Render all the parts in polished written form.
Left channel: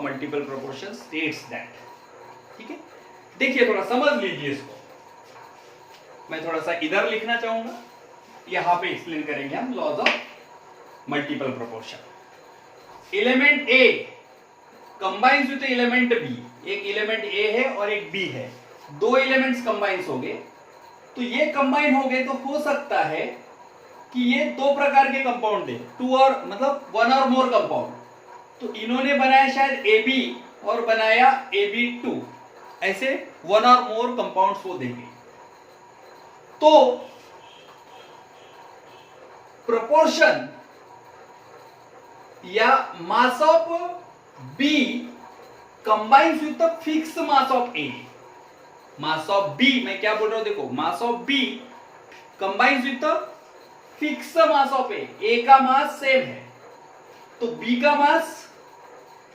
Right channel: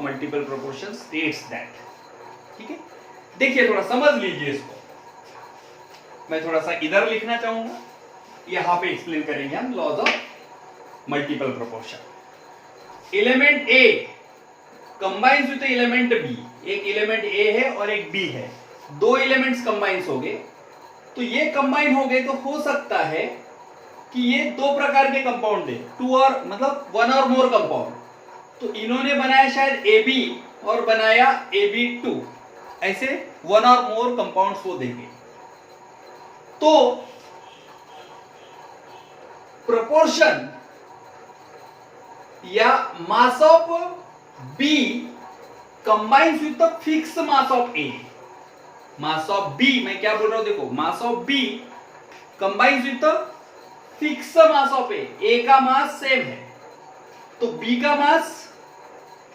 Multiple proportion states that. ठीक है, देखिए थोड़ा समझ लीजिए इसको। मैं थोड़ा सा इधर लिखना चाहूंगा, यहां पे एक्सप्लेन करेंगे हम laws of multiple proportion. Element A combines with element B, एक एलिमेंट ए है और एक बी है, दो एलिमेंट्स कंबाइंस हो गए। तो ये कंबाइन हो गए तो हो सकता है कि ये दो प्रकार के कंपाउंड दे, टू और मतलब वन और मोर कंपाउंड। तो इन्होंने बनाया शायद ए बी और बनाया AB2, ऐसे वन और मोर कंपाउंड्स वो देंगे। तो प्रोपोर्शन या mass of B combines with the fix mass of A. Mass of B, मैं क्या बोल रहा हूं देखो, mass of B combines with the fix mass of A का मास सेम है तो बी का मास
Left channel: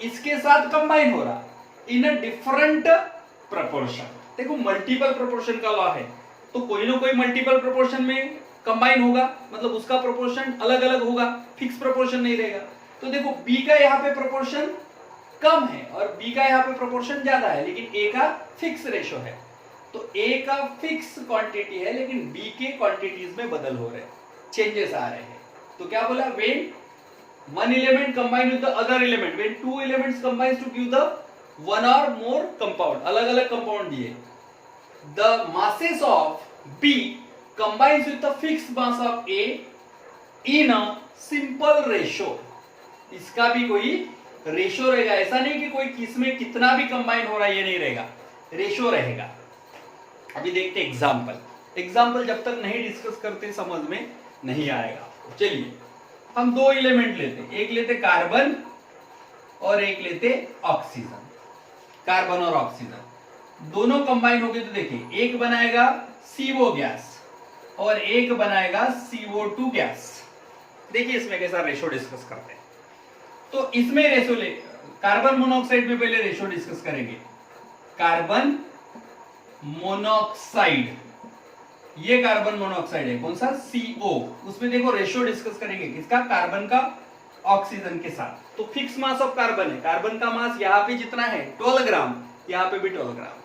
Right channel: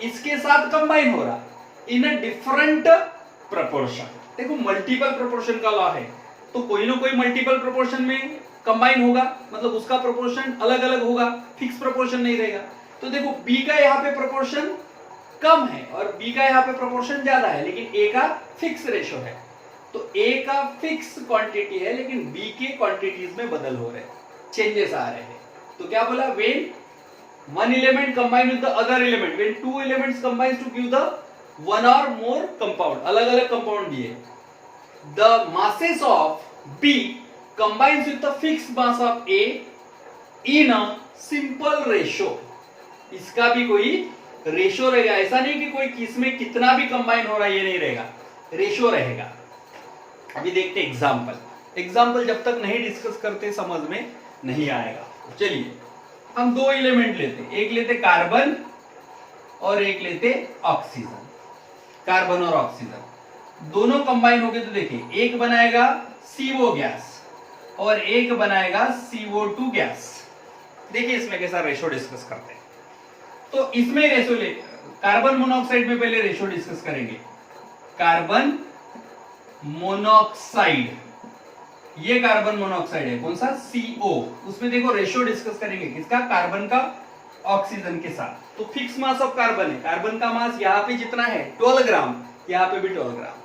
इसके साथ कंबाइन हो रहा इन अ डिफरेंट प्रोपोर्शन। देखो मल्टीपल प्रोपोर्शन का लॉ है, तो कोई ना कोई मल्टीपल प्रोपोर्शन में कंबाइन होगा, मतलब उसका प्रोपोर्शन अलग अलग होगा, फिक्स प्रोपोर्शन नहीं रहेगा। तो देखो बी का यहाँ पे प्रोपोर्शन कम है और बी का यहाँ पे प्रोपोर्शन ज्यादा है, लेकिन ए का फिक्स रेशो है। तो ए का फिक्स क्वांटिटी है लेकिन बी के क्वांटिटीज में बदल हो रहे हैं, चेंजेस आ रहे हैं। तो क्या बोला, when one element combined with the other element, when two elements combines to give the one or more compound, अलग अलग compound दिए, the masses of B combines with the fixed mass of A in a simple ratio। इसका भी कोई ratio रहेगा, ऐसा नहीं कि कोई किसमें कितना भी कंबाइन हो रहा है, ये नहीं रहेगा, रेशो रहेगा। अभी देखते एग्जाम्पल। एग्जाम्पल जब तक नहीं डिस्कस करते समझ में नहीं आएगा। चलिए हम दो एलिमेंट लेते, एक लेते कार्बन और एक लेते ऑक्सीजन। कार्बन और ऑक्सीजन दोनों कंबाइन हो गए तो देखिए एक बनाएगा CO गैस और एक बनाएगा CO2 गैस। देखिए इसमें कैसा रेशो डिस्कस करते हैं। तो इसमें रेशो ले, कार्बन मोनोऑक्साइड में पहले रेशो डिस्कस करेंगे। कार्बन मोनोऑक्साइड, ये कार्बन मोनोऑक्साइड है, कौन सा, CO। उसमें देखो रेशियो डिस्कस करेंगे किसका, कार्बन का ऑक्सीजन के साथ। तो फिक्स मास ऑफ कार्बन है, कार्बन का मास यहाँ पे जितना है 12 ग्राम, यहाँ पे भी 12 ग्राम,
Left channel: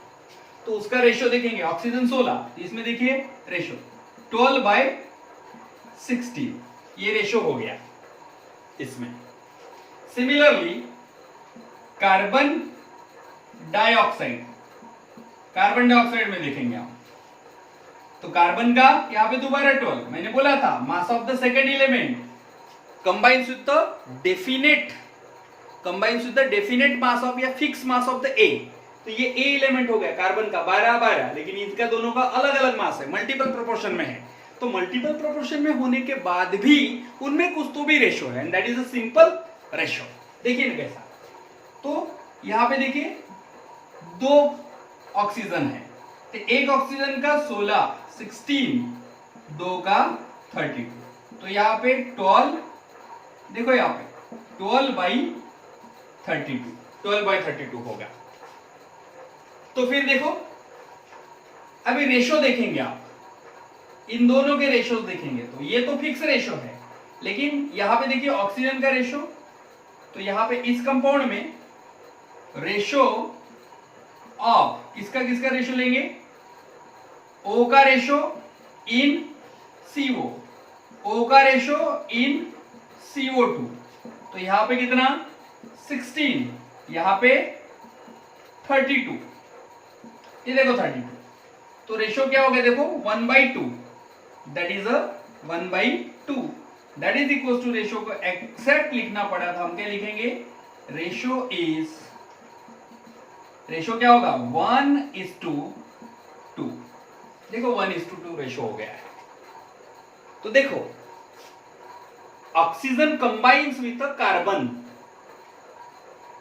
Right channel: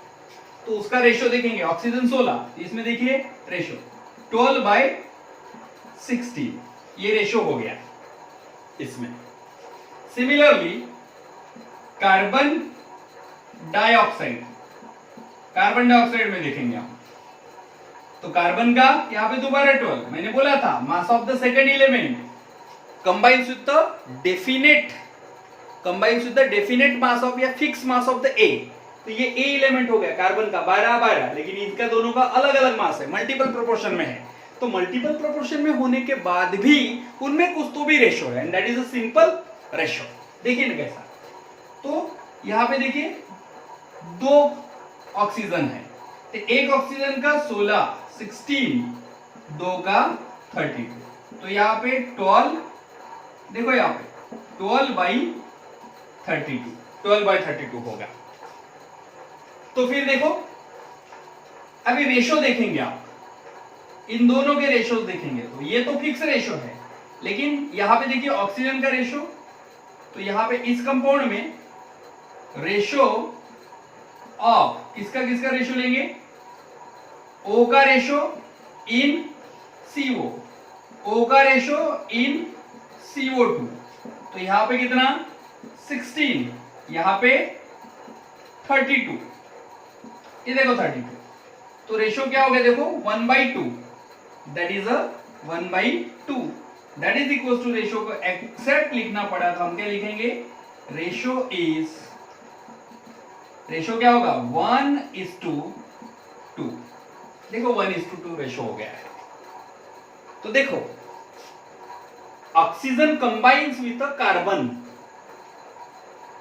तो उसका रेशियो देखेंगे। ऑक्सीजन 16, इसमें देखिए रेशियो 12/16, ये रेशियो हो गया इसमें। Similarly carbon dioxide, carbon dioxide में देखेंगे हम, तो कार्बन का यहाँ पे दोबारा 12, मैंने बोला था mass of the second element combines with the definite mass of या fix mass of the A. तो ये ए एलिमेंट हो गया कार्बन का 12/12, लेकिन इनका दोनों का अलग अलग मास है, मल्टीपल प्रोपोर्शन में है। तो मल्टीपल प्रोपोर्शन में होने के बाद भी उनमें कुछ तो भी रेशो है, and that is a simple ratio. देखिए ना कैसा, तो यहाँ पे देखिए दो ऑक्सीजन है, तो एक ऑक्सीजन का 16, दो का 32, तो यहाँ पे 12, देखो यहाँ पे 12/32 होगा। तो फिर देखो अभी रेशो देखेंगे आप, इन दोनों के रेशोज देखेंगे तो ये तो फिक्स रेशो है, लेकिन यहाँ पे देखिए ऑक्सीजन का रेशो, तो यहाँ पे इस कंपाउंड में रेशो ऑफ किसका किसका रेशो लेंगे, O का रेशो इन CO, O का रेशो इन CO2। तो यहां पे कितना 16, यहां पे 32, ये देखो 32, तो रेशो क्या हो गया देखो 1/2, that is 1/2, that is equal to ratio को एक्सैक्ट लिखना पड़ा था, हम क्या लिखेंगे, रेशो क्या होगा 1:2। देखो 1:2 रेशो हो गया है। तो देखो oxygen combines with carbon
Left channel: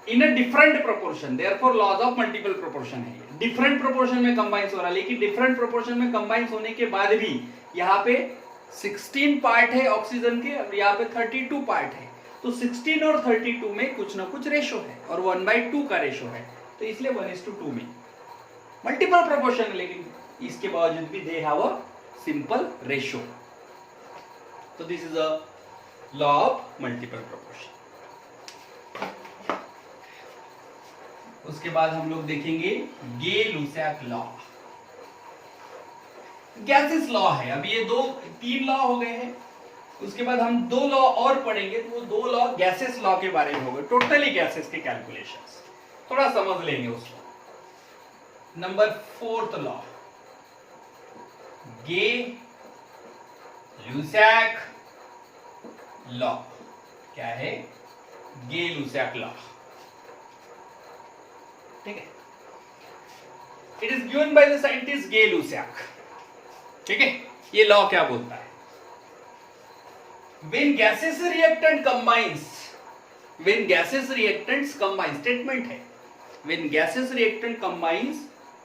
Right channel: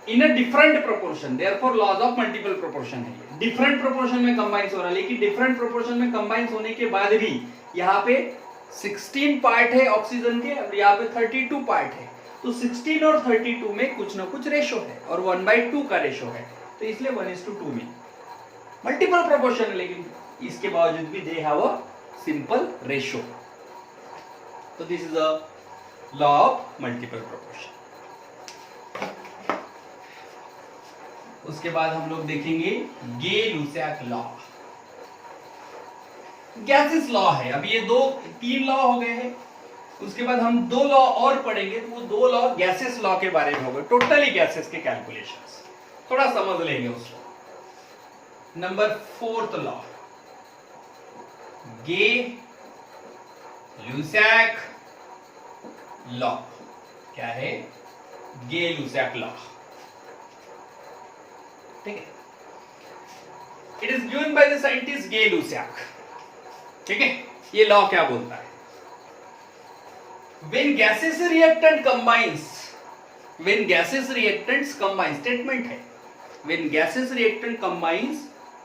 in a different proportion, therefore laws of multiple proportion है। डिफरेंट प्रोपोर्शन में कंबाइंस हो रहा है, लेकिन डिफरेंट प्रोपोर्शन में कंबाइंस होने के बाद भी यहाँ पे 16 पार्ट है ऑक्सीजन के और यहाँ पे 32 पार्ट है। तो 16 और 32 में कुछ ना कुछ रेशो है और 1/2 का रेशो है, तो इसलिए 1:2 में मल्टीपल प्रोपोर्शन, लेकिन इसके बावजूद भी they have a simple ratio. तो this is a law of multiple proportion. उसके बाद हम लोग देखेंगे गे-लुसाक लॉ। गैसेस लॉ है। अब ये 3 लॉ हो गए हैं। उसके बाद हम 2 लॉ और पढ़ेंगे, तो वो 2 लॉ गैसेस लॉ के बारे में होगा, टोटली गैसेस के कैलकुलेशंस थोड़ा समझ लेंगे उसको। Number 4th law, Gay Lussac law. क्या है? Gay Lussac law. ठीक है, it is given by the scientist Gay Lussac. ठीक है, ये लॉ क्या बोलता है? when gaseous reactant combines, when gaseous reactants combine, statement है, when gaseous reactant combines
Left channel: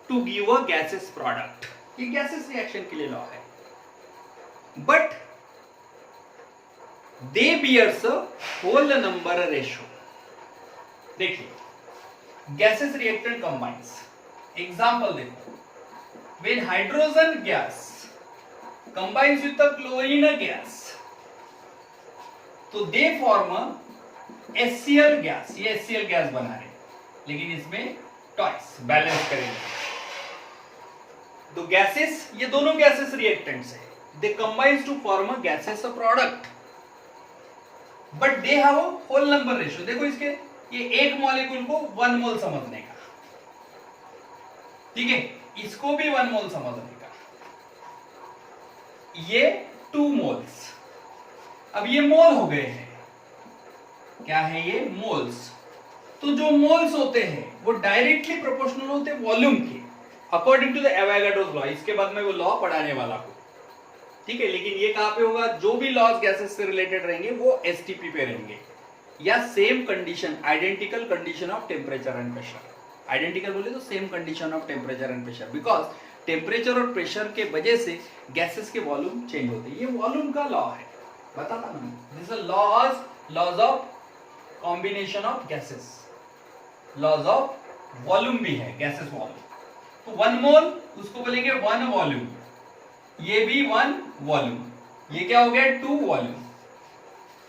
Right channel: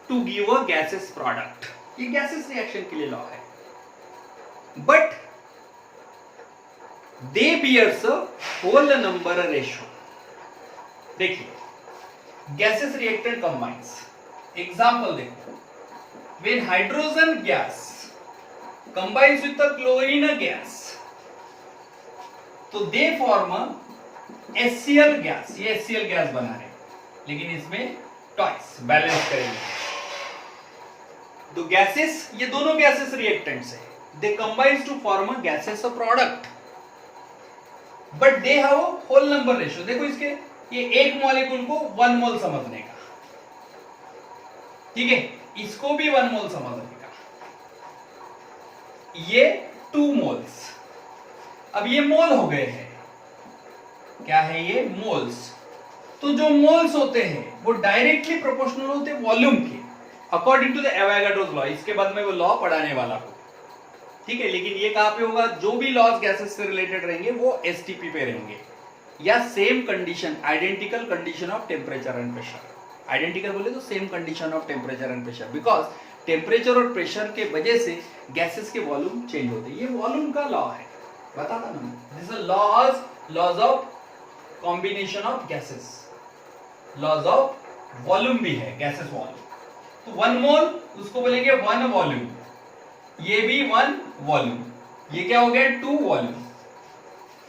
to give a gaseous product, ये gaseous reaction के लिए लॉ है, but they bears a whole number ratio। देखिए, gaseous reactant combines, example देखो, when hydrogen gas combines with the chlorine gas, तो they form HCl gas. ये HCl gas बना रहे, लेकिन इसमें ट्वाइस बैलेंस करेंगे। तो गैसेस, ये दोनों गैसेस रिएक्टेंट्स है, they combines to form a gases product, but they have a whole number ratio. देखो इसके, ये एक मॉलिक्यूल को 1 मोल समझने का, ठीक है, इसको भी 1 मोल समझने का, ये 2 मोल्स। अब ये मोल हो गए हैं, क्या है ये? मोल्स। तो जो मोल्स होते हैं वो डायरेक्टली प्रोपोर्शनल होते हैं वॉल्यूम के, according to the Avogadro's law. इसके बाद में वो लॉ पढ़ाने वाला हूं, ठीक है। लेकिन ये कहां पे होगा? जो भी लॉज गैसेस से रिलेटेड रहेंगे वो एसटीपी पे रहेंगे, या same condition, identical condition of temperature and pressure. Identical बोले तो same condition of temperature and pressure, because temperature और प्रेशर के वजह से गैसेस के वॉल्यूम चेंज होते हैं। ये वॉल्यूम का लॉ है, बताता ना मैं। This is laws of combination of gases, laws of volume भी है, गैसेस वॉल्यूम। तो 1 मोल उसको बोलेंगे 1 वॉल्यूम, ये भी 1 वॉल्यूम, ये क्या हो गया? 2 वॉल्यूम।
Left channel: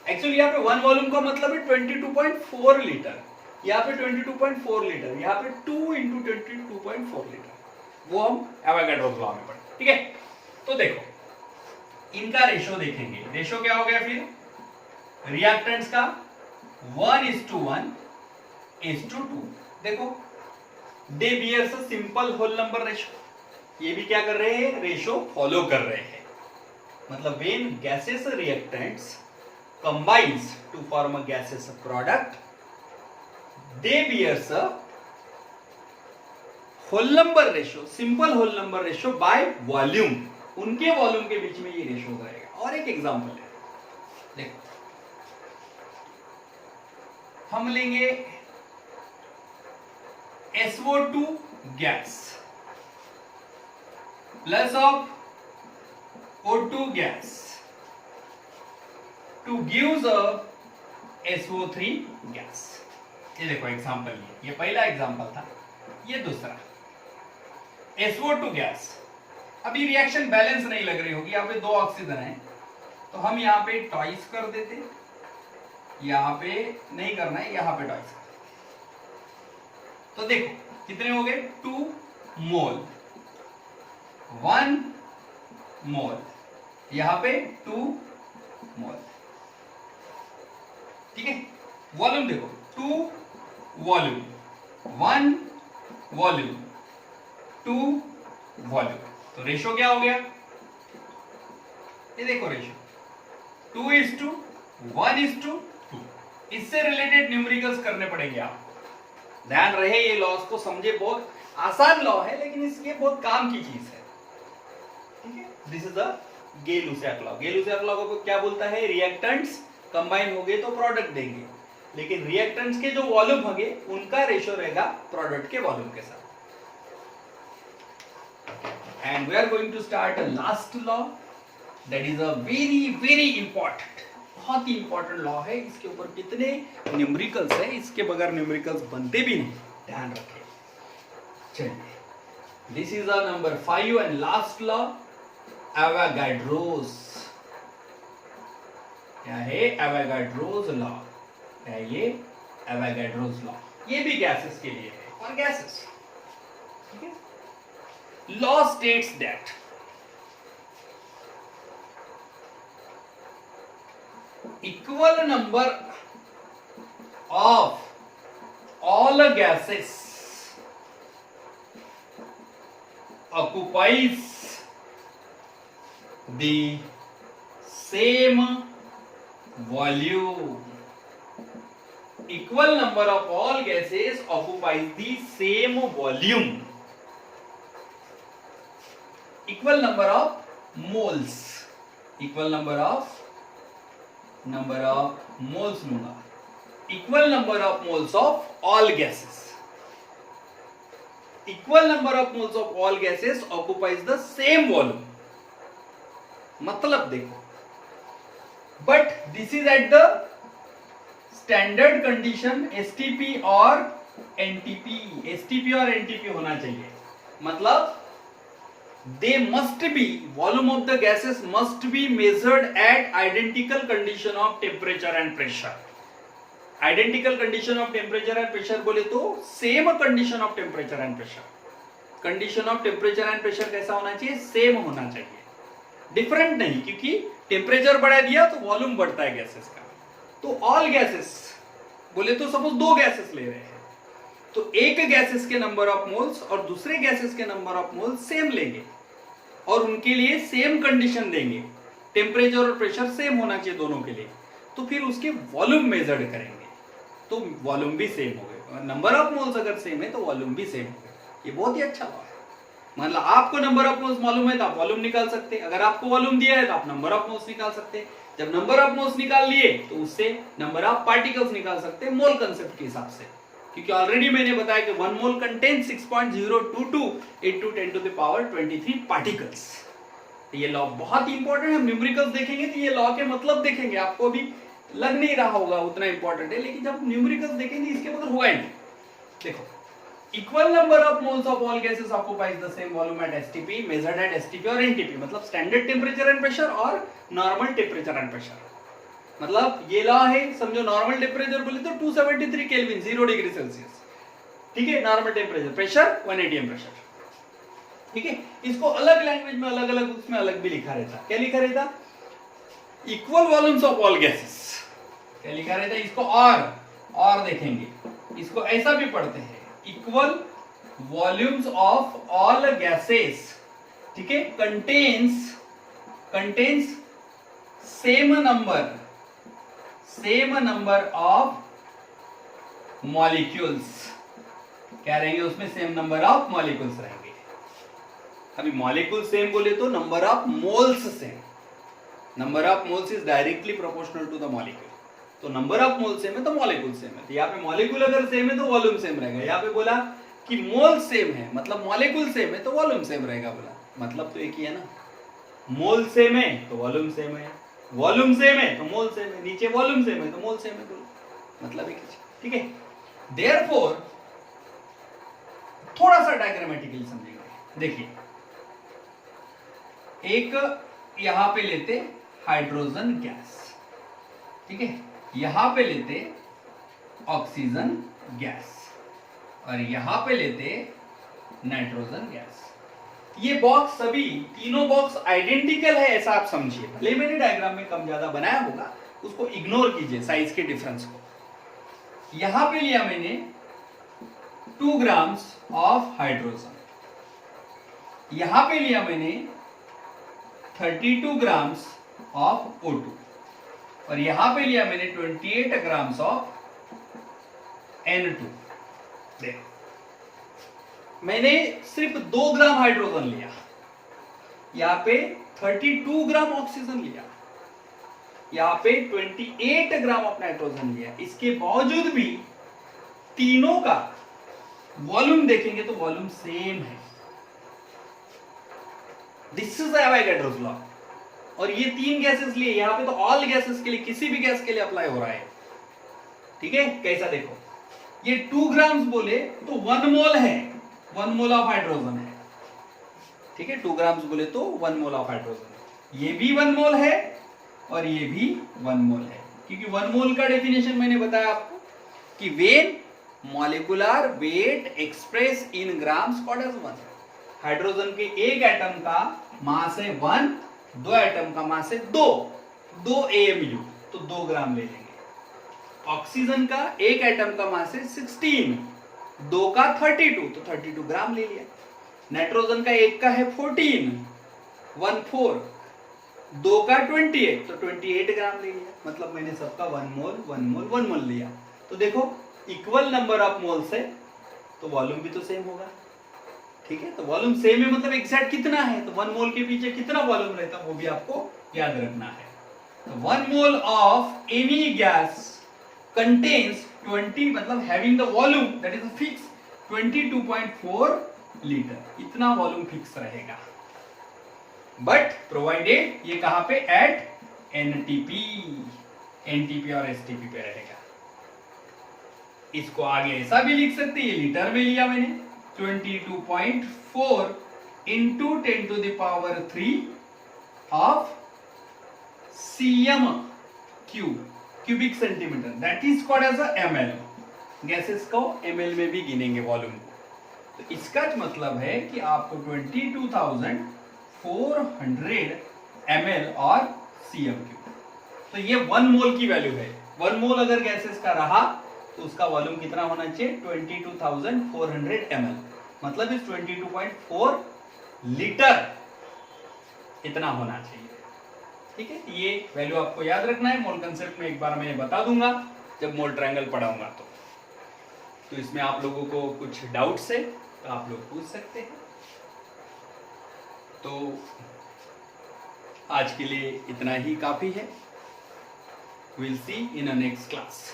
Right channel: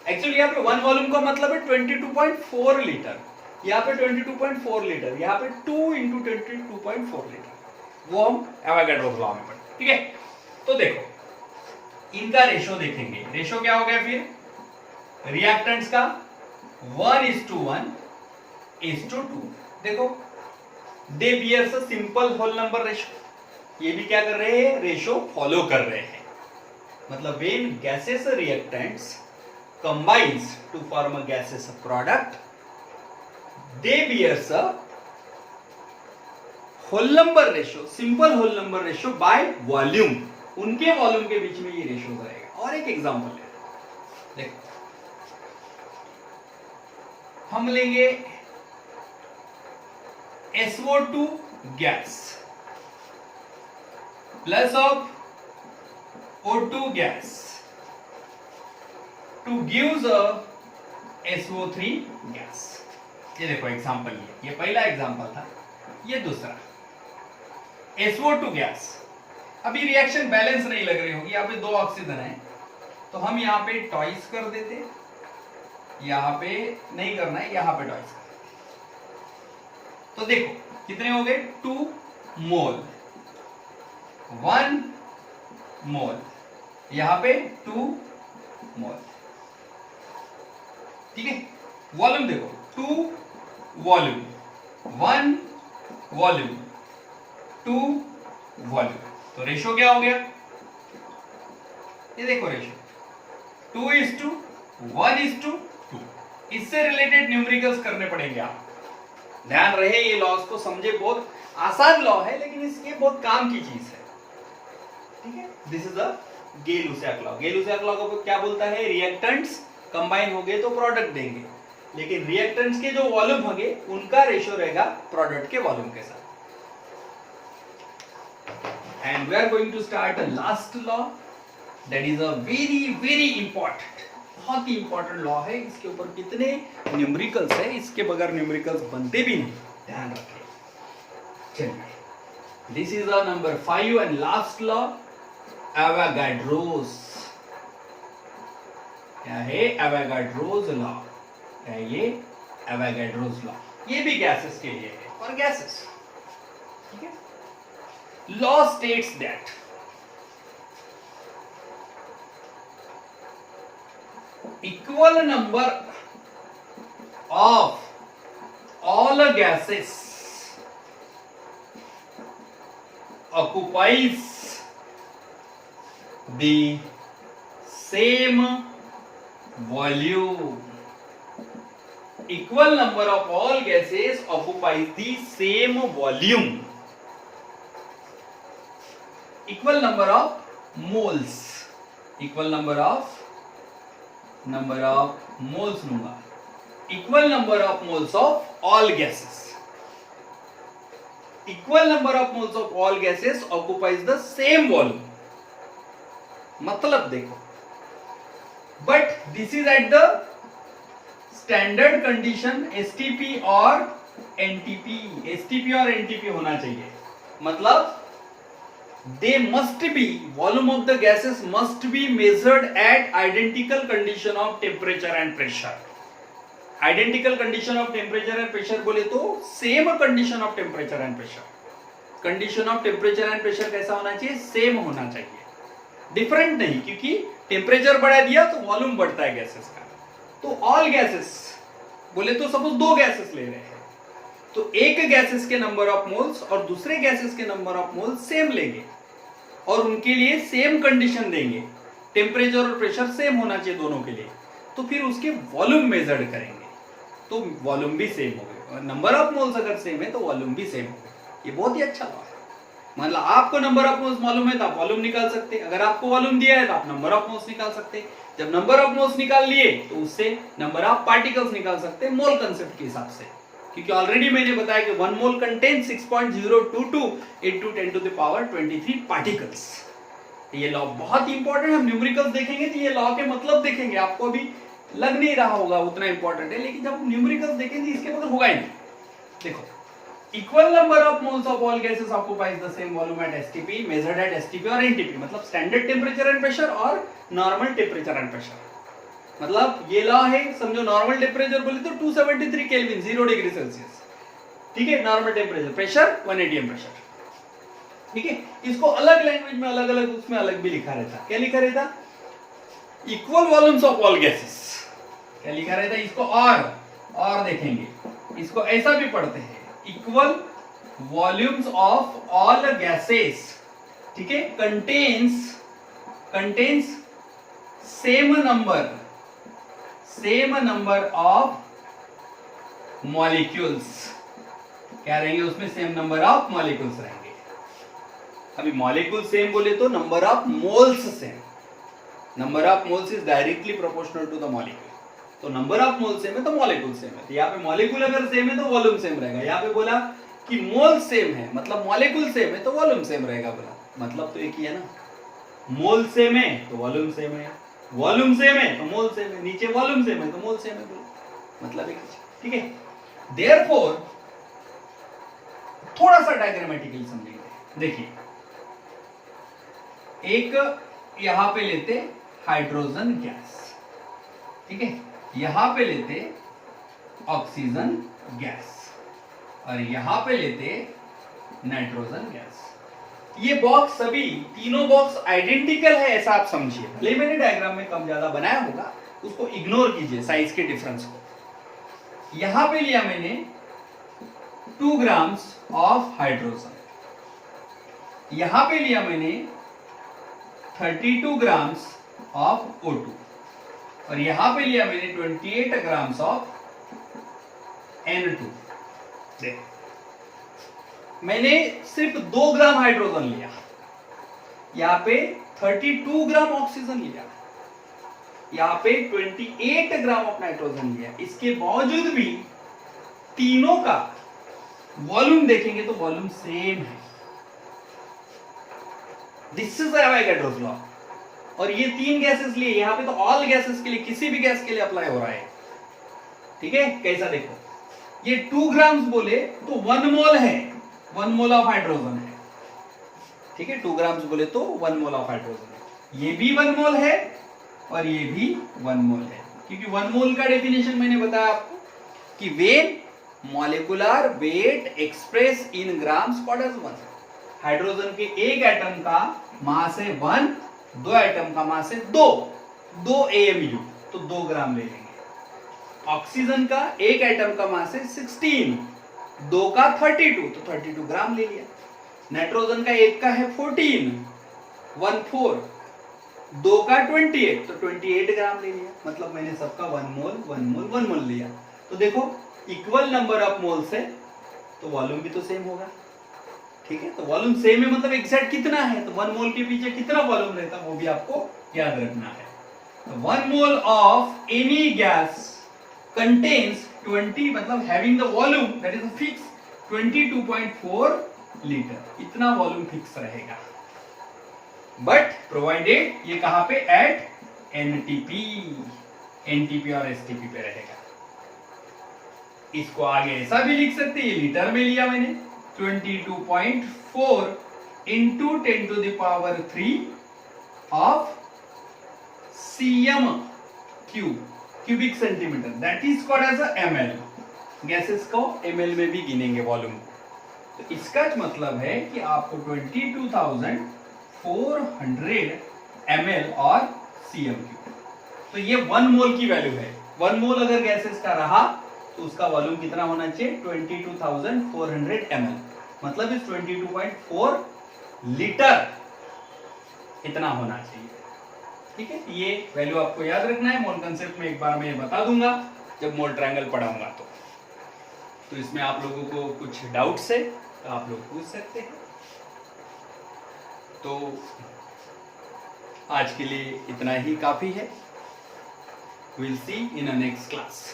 एक्चुअली यहाँ पे 1 वॉल्यूम का मतलब है 22.4 लीटर, यहाँ पे 22.4 लीटर, यहाँ पे 2 इंटू 22.4 लीटर, वो हम एवोगाड्रोस लॉ में पढ़ते, ठीक है। तो देखो इनका रेशो देखेंगे। रेशो क्या हो गया फिर? रिएक्टेंट्स का 1:1:2। देखो, they bears a simple whole number ratio. ये भी क्या कर रहे हैं? रेशो फॉलो कर रहे हैं। मतलब when gases reactants combines to form a gases product, they bears a whole number ratio, simple whole number ratio by volume. उनके वॉल्यूम के बीच में ये रेशो रहेगा। और एक एग्जांपल है, देखो हम लेंगे SO2 gas plus of O2 gas two gives a SO3 gas. ये देखो एग्जांपल, ये पहला एग्जांपल था, ये दूसरा SO2 गैस। अभी रिएक्शन बैलेंस नहीं लग रही होगी, यहाँ पे 2 ऑक्सीजन है, तो हम यहाँ पे टॉइस कर देते, यहाँ पे नहीं करना है, यहाँ पे टॉइस कर। तो देखो कितने हो गए? 2 मोल, 1 मोल, यहाँ पे 2 मोल, ठीक है। वॉल्यूम देखो, 2 वॉल्यूम, 1 वॉल्यूम, 2 वॉल्यूम। तो रेशो क्या हो गया? ये देखो रेशो 2:1:2। इससे रिलेटेड न्यूमेरिकल्स करने पड़ेंगे आप, ध्यान रहे। ये लॉस को समझे, बहुत आसान लॉ है, लेकिन इसके बहुत काम की चीज है, ठीक है। This is a Gay Lussac law. Gay Lussac law को क्या बोलता है? रिएक्टेंट्स कंबाइन हो गए तो प्रोडक्ट देंगे, लेकिन रिएक्टेंट्स के जो वॉल्यूम होंगे उनका रेशो रहेगा प्रोडक्ट के वॉल्यूम के साथ। And we are going to start a last law that is a very important, बहुत ही इंपॉर्टेंट लॉ है। इसके ऊपर कितने न्यूमेरिकल्स है, इसके बगैर न्यूमेरिकल्स बनते भी नहीं, ध्यान रखें। चलिए, this is a number 5 and last law, Avogadro's. क्या है? Avogadro's law. क्या है ये? Avogadro's law. ये भी गैसेस के लिए है और गैसेस, ठीक है। Law states that equal number of all gases occupies the same volume. Equal number of all gases occupies the same volume. Equal number of moles. Equal number of moles लूंगा. Equal number of moles of all gases. Equal number of moles of all gases occupies the same volume. मतलब देखो, but this is at the standard condition STP और NTP. STP और NTP होना चाहिए. मतलब they must be, volume of the gases must be measured at identical condition of temperature and pressure. Identical condition of temperature and pressure बोले तो same condition of temperature and pressure. Condition of temperature and pressure कैसा होना चाहिए? Same होना चाहिए, different नहीं, क्योंकि temperature बढ़ा दिया तो volume बढ़ता है gases का. तो all gases बोले तो suppose दो gases ले रहे हैं, तो एक gases के number of moles और दूसरे gases के number of moles same लेंगे और उनके लिए सेम कंडीशन देंगे, टेम्परेचर और प्रेशर सेम होना चाहिए दोनों के लिए, तो फिर उसके वॉल्यूम मेजर्ड करेंगे तो वॉल्यूम भी सेम हो गए, और नंबर ऑफ मोल्स अगर सेम है तो वॉल्यूम भी सेम हो गए. ये बहुत ही अच्छा लॉ है. मतलब आपको नंबर ऑफ मोल्स मालूम है तो आप वॉल्यूम निकाल सकते हैं, अगर आपको वॉल्यूम दिया है तो आप नंबर ऑफ मोल्स निकाल सकते हैं. जब नंबर ऑफ मोल्स निकाल लिए तो उससे नंबर ऑफ पार्टिकल्स निकाल सकते हैं मोल कंसेप्ट के हिसाब से, क्योंकि ऑलरेडी मैंने बताया कि 1 mole contains 6.022 into 10 to the power 23 particles. ये लॉ बहुत ही इंपॉर्टेंट है. हम न्यूमेरिकल्स देखेंगे तो ये लॉ के मतलब देखेंगे, आपको भी लग नहीं रहा होगा उतना इंपॉर्टेंट है, लेकिन जब न्यूमेरिकल्स देखेंगे इसके मतलब होगा ही नहीं. देखो, equal number of moles of all gases occupies the same volume at STP measured eight STP और एनटीपी. मतलब स्टैंडर्ड टेम्परेचर एंड प्रेशर और नॉर्मल टेम्परेचर एंड प्रेशर. मतलब ये लॉ है, समझो नॉर्मल टेम्परेचर बोले तो 273 केल्विन 0 डिग्री सेल्सियस, ठीक है, normal temperature. Pressure 1 atm pressure, ठीक है. इसको अलग लैंग्वेज में अलग अलग उसमें अलग भी लिखा रहता. क्या लिखा रहता? Equal volumes of all gases. क्या लिखा रहता? इसको और देखेंगे, इसको ऐसा भी पढ़ते हैं, equal volumes of all gases, ठीक है, contains same number of molecules. क्या रहेंगे उसमें? सेम नंबर ऑफ मॉलिक्यूल्स रहेंगे. अभी मॉलिक्यूल सेम बोले तो number of moles same. Number of moles is directly proportional to the molecule. तो नंबर ऑफ मोल सेम है तो मॉलिक्यूल सेम है. तो यहाँ पे मॉलिक्यूल अगर सेम है तो वॉल्यूम सेम रहेगा. यहाँ पे बोला कि मोल सेम है मतलब मॉलिक्यूल सेम है तो वॉल्यूम सेम रहेगा. बोला मतलब तो एक ही है ना. मोल सेम है तो वॉल्यूम सेम है, वॉल्यूम सेम है तो मोल सेम है, नीचे वॉल्यूम सेम है तो मोल सेम है. बोला मतलब एक ही, ठीक है. देयरफॉर थोड़ा सा डायग्रामेटिकली समझेंगे. देखिए, एक यहां पे लेते हाइड्रोजन गैस, ठीक है, यहां पे लेते ऑक्सीजन गैस और यहां पे लेते नाइट्रोजन गैस. ये बॉक्स सभी तीनों बॉक्स आइडेंटिकल है ऐसा आप समझिए. भले मैंने डायग्राम में कम ज्यादा बनाया होगा, उसको इग्नोर कीजिए साइज के डिफरेंस को. यहां पे लिया मैंने 2 ग्राम्स ऑफ हाइड्रोजन, यहां पे लिया मैंने 32 ग्राम्स ऑफ O2 और यहां पे लिया मैंने 28 ग्राम्स ऑफ N2. देखो, मैंने सिर्फ 2 ग्राम हाइड्रोजन लिया, यहां पे 32 ग्राम ऑक्सीजन लिया, यहां पे 28 ग्राम ऑफ नाइट्रोजन लिया. इसके बावजूद भी तीनों का वॉल्यूम देखेंगे तो वॉल्यूम सेम है. This is Avogadro's law. और ये 3 गैसेस लिए, यहां पे तो ऑल गैसेस के लिए, किसी भी गैस के लिए अप्लाई हो रहा है, ठीक है. कैसा देखो, ये 2 ग्राम्स बोले तो 1 मोल है, 1 मोल ऑफ हाइड्रोजन है, ठीक है. 2 ग्राम्स बोले तो 1 मोल ऑफ हाइड्रोजन है. ये भी 1 मोल है और ये भी 1 मोल है, क्योंकि 1 मोल का डेफिनेशन मैंने बताया आपको कि when molecular weight express in grams called as 1। Hydrogen के एक एटम का मास है 1, दो एटम का मास है 2 AMU, तो 2 ग्राम ले लेंगे। ऑक्सीजन का एक एटम का मास है 16, 2 का 32, तो 32 ग्राम ले लिया। नाइट्रोजन का एक का है 14, 14, 2 का 28, तो 28 ग्राम ले लिया। मतलब मैंने सबका 1 मोल 1 मोल 1 मोल लिया। तो देखो इक्वल नंबर ऑफ मोल्स है तो वॉल्यूम भी तो सेम होगा, ठीक है। तो वॉल्यूम सेम है मतलब एग्जैक्ट कितना है, तो 1 मोल के पीछे कितना वॉल्यूम रहता है वो भी आपको याद रखना है। तो 1 mole of any gas contains 20, मतलब having the volume that is fixed 22.4 litre, इतना वॉल्यूम फिक्स रहेगा। बट प्रोवाइडेड ये कहां पे, एट एनटीपी और एसटीपी पे रहेगा। इसको आगे ऐसा भी लिख सकते हैं, ये लीटर में लिया मैंने, 22.4 into 10 to the power 3 of cm cubic centimetre, that is called as a ml। Gases को ml में भी गिनेंगे वॉल्यूम को। तो इसका मतलब है कि आपको 22,400 ml और cm क्यूब, तो ये 1 मोल की वैल्यू है। 1 मोल अगर गैसेस का रहा तो उसका वॉल्यूम कितना होना चाहिए, 22,400 ml, मतलब इस 22.4 लीटर इतना होना चाहिए, ठीक है। ये वैल्यू आपको याद रखना है। मोल कंसेप्ट में एक बार मैं बता दूंगा जब मोल ट्रायंगल पढ़ाऊंगा तो इसमें आप लोगों को कुछ डाउट्स है तो आप लोग पूछ सकते हैं। तो आज के लिए इतना ही काफी है। Will see in a next class.